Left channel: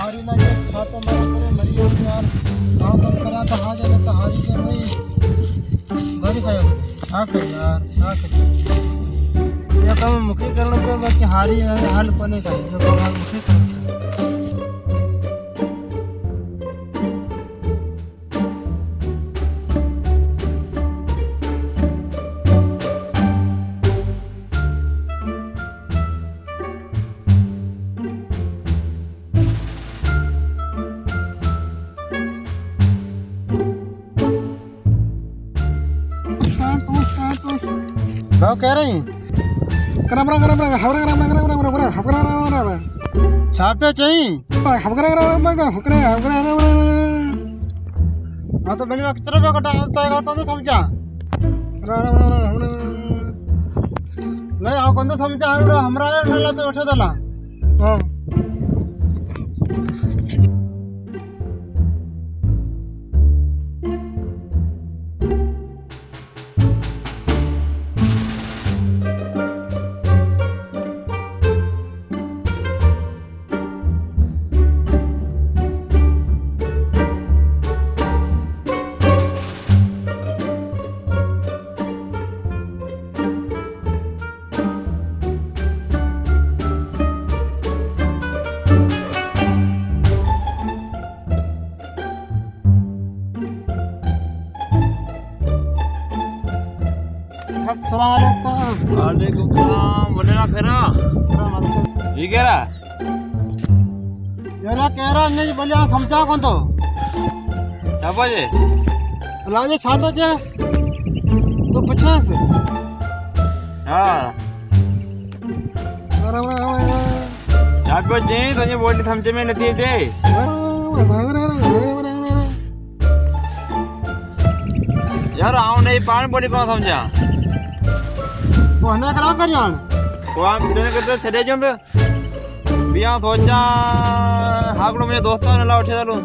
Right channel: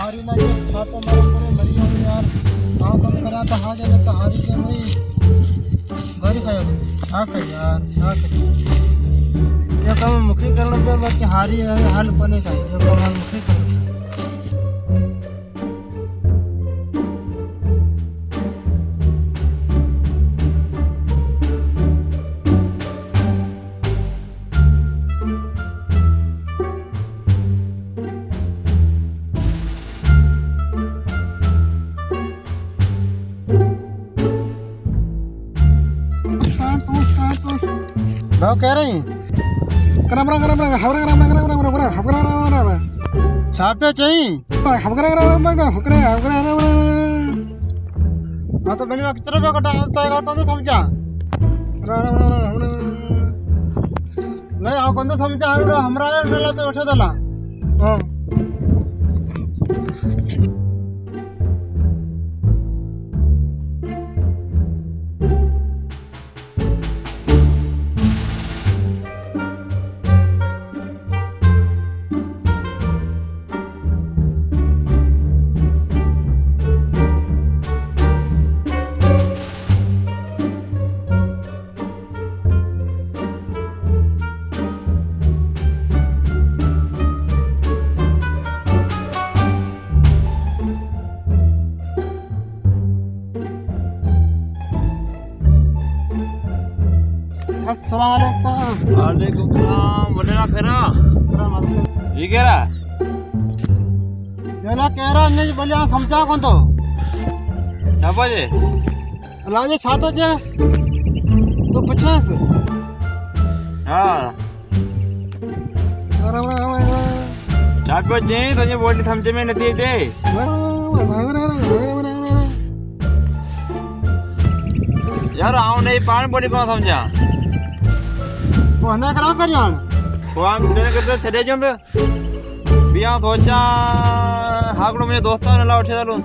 हारी ना के छापे मारे करे मरी हो यार काम कम करा तो हां जाने तो हारी के नहीं गरी खायो हां कर यार हां कर ये काम मुखी करने पे बाकी हारी हाल कोने का ये काम हम मुखी कर भाव कह रही छापे चाहिए हाँ तो बनी कितना रुपया कटा तो समझा नहीं आओ कौन तो समझा हमरा नेला तो उठे दला हाँ वालेकुम सलाम बोले ना फेरा ये कह रहा जरा कह रहा नहीं बोले समझा कौन तो क्या बजे लाजे छातो जे तो 50 हाँ क्या बजे तो ये बोली समझे में नहीं दे यार आओ नहीं पानी बोली कौन समझा वो ना करा करियान वो हम तेरे करते चले जाते बिया सोचा हाकड़ों में दोस्तों ने ला उठे डालूं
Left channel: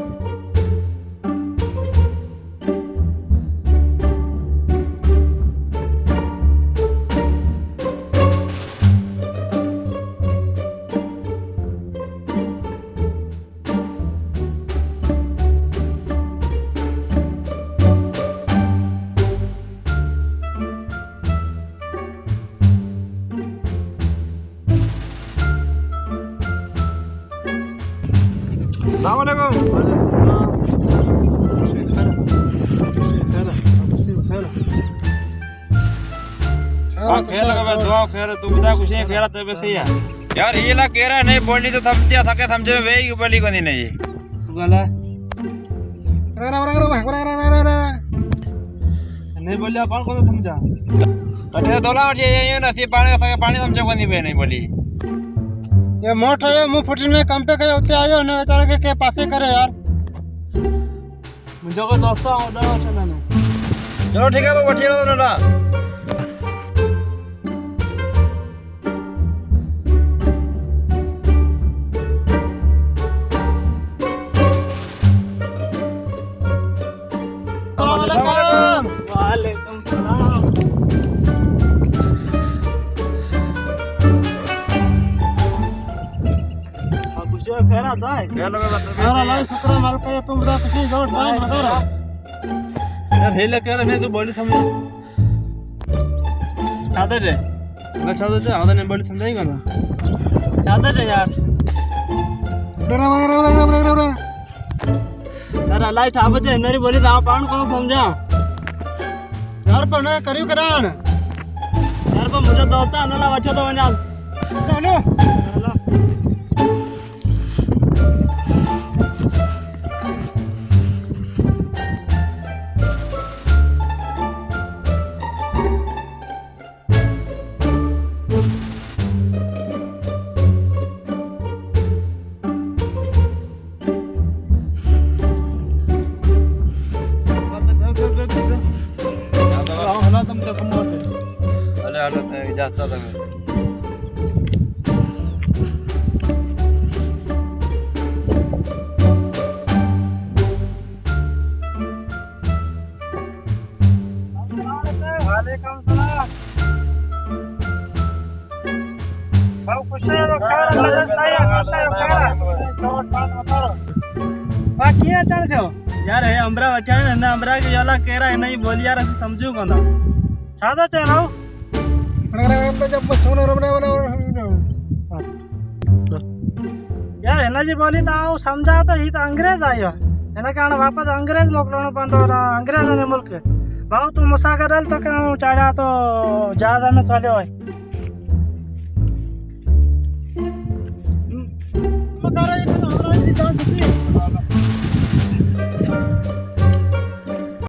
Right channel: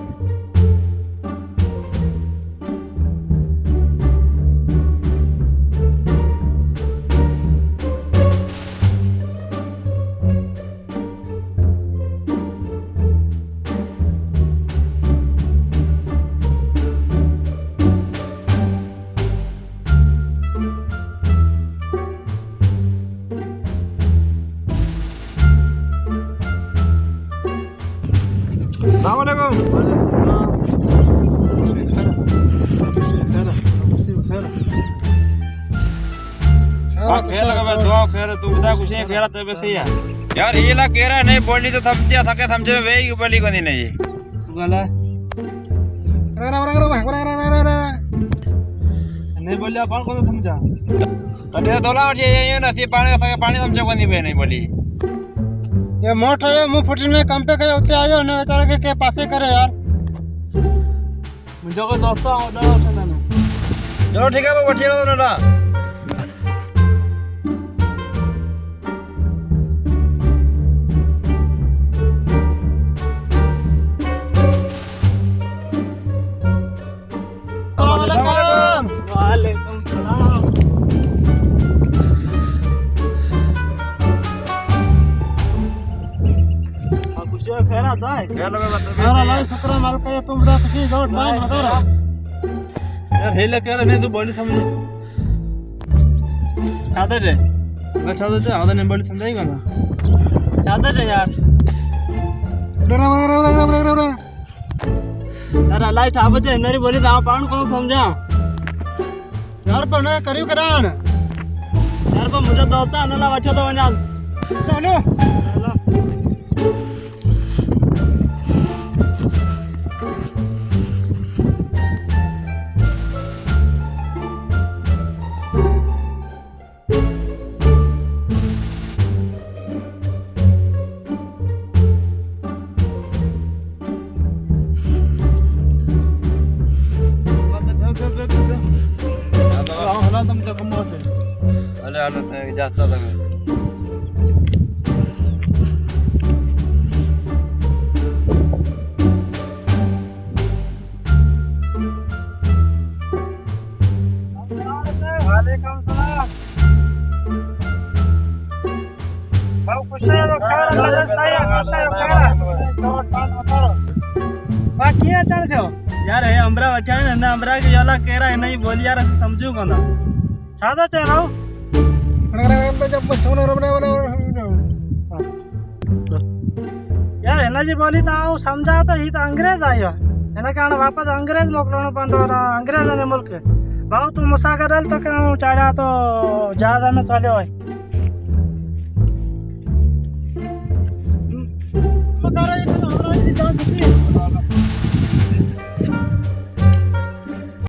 खेल का दुआ खेल तू बता कुछ नहीं खेला तो वैसे ही है यार ये ला कह रहा नहीं बोलनी तो समझे थके समझे में वही बोली को नहीं ये तू गला नहीं बोलिया कौन को समझा तटे दोला ये ना सी पानी का पानी समझे को नहीं बोली ये मोट है मुंह फुटन में काम पे गए होते आयो ने बेचारे के पासे करे यार मुझे को दोस्त ऑर्डर है मैंने चलो ठीक है वो बैठिए दोनों ना वालेकुम सलाम खैर आता है यार अल्लाह शुक्र माल का तुम बड़ा खुशी जो टाइम बता रहा यार हेले कह रहे नहीं तू बोली समझ चाहते थे मैं चाहते थे आधा नहीं बोली समझाएगा ना चाहते थे यार यार अल्लाह था बजे नरी बोली था पान को समझा यार पर ना करियो करान यार पर मुझे दोस्त अनला वाचो तो वना चलो हला तुमच्या कमवत अरे हलो ते जास्त आता वालेकुम सलाम भाऊ कुशल खैर लगन साया कुशल खैर बाकी है चल जाओ यार हे अमरा वठा है ना अमरा के याला केरा है नहीं बोली यार असि समझू कोना छादो चलाओ यार एना जी बोली तो आऊ समझा तो ही तो अंग्रेज आयो एना कारण वापस अंग्रेज मोकलणो पंदो अंग्रेज ने मुल्क भाऊ तू मुसागर तो क्या चाड़ा तो जहाज में चले होय